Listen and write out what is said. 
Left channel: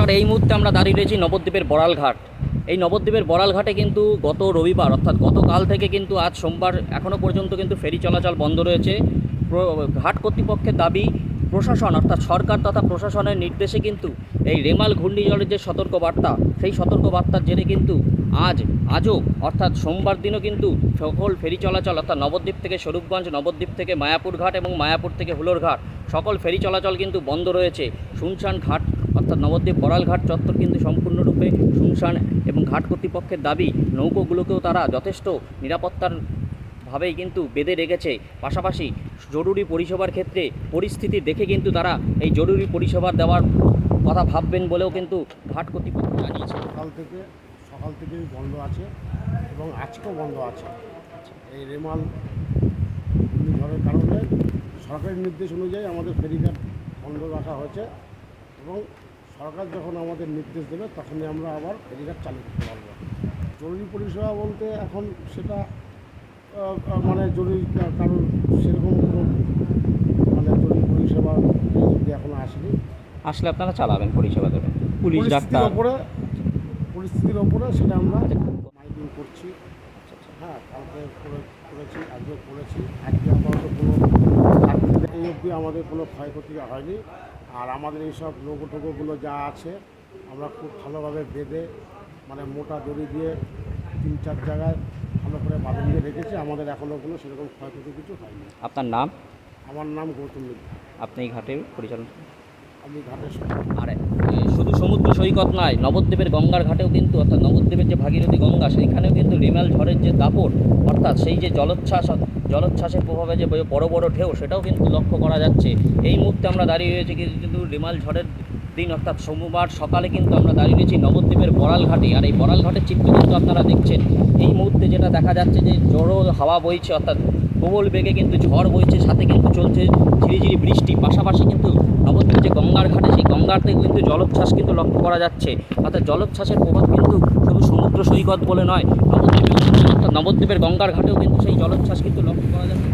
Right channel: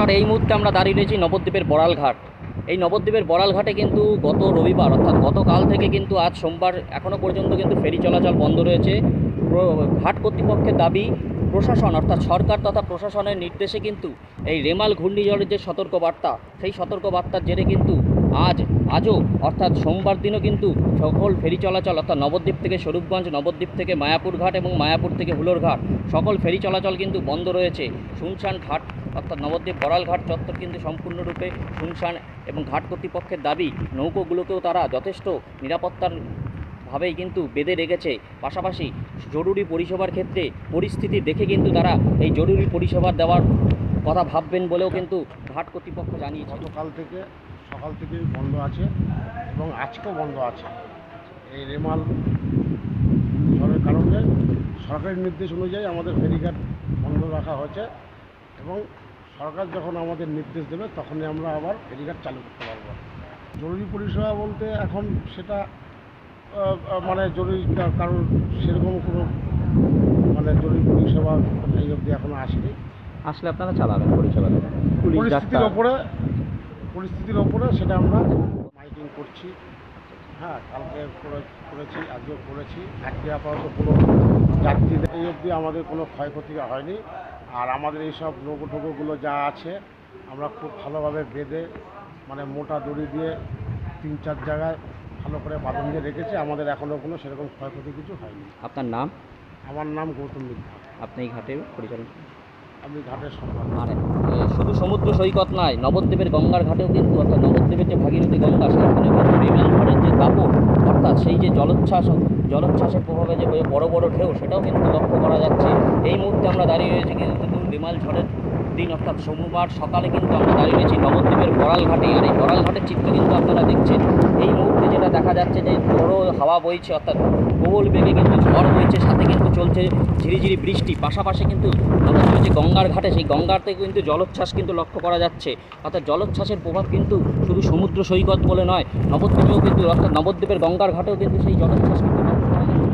নমস্কার এই মুহূর্তে আমরা দাঁড়িয়ে রয়েছি নবদ্বীপের বড়ালঘাট। এই নবদ্বীপের বড়াল ঘাটে কিন্তু গত রবিবার, অর্থাৎ গতকাল থেকে কিন্তু আজ সোমবার এখনও পর্যন্ত কিন্তু ফেরি চলাচল বন্ধ রয়েছে। ঘাট কর্তৃপক্ষের দাবি, প্রশাসন অর্থাৎ সরকার তথা প্রশাসনের নির্দেশে কিন্তু এই রেমাল ঘূর্ণিঝড়ের যে সতর্কবার্তা, সেই সতর্কবার্তার জেরে কিন্তু আজ আজও, অর্থাৎ সোমবার দিনও কিন্তু সকল ফেরি চলাচল, অর্থাৎ নবদ্বীপ থেকে স্বরূপগঞ্জ, নবদ্বীপ থেকে মায়াপুর ঘাট এবং মায়াপুর থেকে হুলোর ঘাট, সকল ফেরি চলাচল কিন্তু বন্ধ রয়েছে। শুনশান ঘাট, অর্থাৎ নবদ্বীপ বড়াল ঘাট চত্বর কিন্তু সম্পূর্ণরূপে শুনশান এবং ঘাট কর্তৃপক্ষের দাবি, নৌকোগুলোকেও তারা যথেষ্ট নিরাপত্তার ভাবেই কিন্তু বেঁধে রেখেছে। পাশাপাশি জরুরি পরিষেবার ক্ষেত্রে পরিস্থিতি দেখে কিন্তু তারা এই জরুরি পরিষেবা দেওয়ার কথা ভাববেন বলেও কিন্তু ঘাট কর্তৃপক্ষ জানিয়েছে। সকাল থেকে সকাল থেকেই বন্ধ আছে এবং আজকেও বন্ধ আছে। এই রেমাল ঘূর্ণিঝড়ের কারণে সরকারি নির্দেশ অনুযায়ী আমাদের ফেরিঘাট বন্ধ রাখা হয়েছে এবং সরকার যখন আমাদের নির্দেশ দেবে তখনই আমরা আবার ফেরিঘাট চালু করতে পারব। জরুরি পরিষেবা বলতে এখন সেটা মানে জরুরি কারণ সেরকম কোনো মানে জরুরি পরিষেবা এই অবধি এখনও আসেনি। আসলে আপনারা চালাবেন পরিষেবা দেবেন। পুলিশ ডাক্তার পরিস্থিতির ওপরে সেটা আমরা মাইকিং করছি। হ্যাঁ কালকে করে- করেছি আজকেও করেছি। আজকে আপাতত কোনো যাত্রী এই অবধি আমাদের কোনো ক্ষয়ক্ষতি হয়নি। আর আমাদের এইসব নৌকো ঠোকোগুলো যা আছে আমরা খুব ভালোভাবে বেঁধে মানে মোটা দড়ি দিয়ে তিন চার জায়গায় ভালো করে বাঁধন দিয়ে রেখেছি। আমাদের এখনও কোনো সেরকম ক্ষয়ক্ষতি কিছু হয়নি। আপনার নাম? আমার নাম গৌতম মিত্রা। আপনি এই পরিচালনা ঘাটের সঙ্গে আর শুধু সমুদ্র সৈকত নয়, নবদ্বীপের গঙ্গার ঘাটেও কিন্তু, অর্থাৎ নবদ্বীপের যে ভাগীরথী গঙ্গা, সেখানেও কিন্তু রেমাল ঝড়ের যে দাপট, অর্থাৎ সেই যে জলোচ্ছ্বাস, জলোচ্ছ্বাসের প্রভাবে যে বড় বড় ঢেউ, সেটাও কিন্তু লক্ষ্য করা যাচ্ছে। এই মুহূর্তে আমরা দাঁড়িয়ে রয়েছি কিন্তু রিমাল ঝড়ের দিন অর্থাৎ সোমবার সকালে কিন্তু আমরা দাঁড়িয়ে রয়েছি নবদ্বীপের বড়াল ঘাটে আর এই বড়াল ঘাটের চিত্র কিন্তু আপনারা দেখছেন। এই মুহূর্তে যেটা দেখা যাচ্ছে যে জোরো হাওয়া বইছে, অর্থাৎ প্রবল বেগে কিন্তু ঝড় বইছে, সাথে কিন্তু চলছে ঝিরিঝিরি বৃষ্টি। পাশাপাশি কিন্তু নবদ্বীপের যে গঙ্গার ঘাটে, সেই গঙ্গাতে কিন্তু জলোচ্ছ্বাস কিন্তু লক্ষ্য করা যাচ্ছে। অর্থাৎ জলোচ্ছ্বাসের প্রভাব কিন্তু শুধু সমুদ্র সৈকত বলে নয়, নবদ্বীপেও কিন্তু, অর্থাৎ নবদ্বীপের গঙ্গার ঘাটেও কিন্তু সেই জলোচ্ছ্বাস কিন্তু লক্ষ্য করা যাচ্ছে।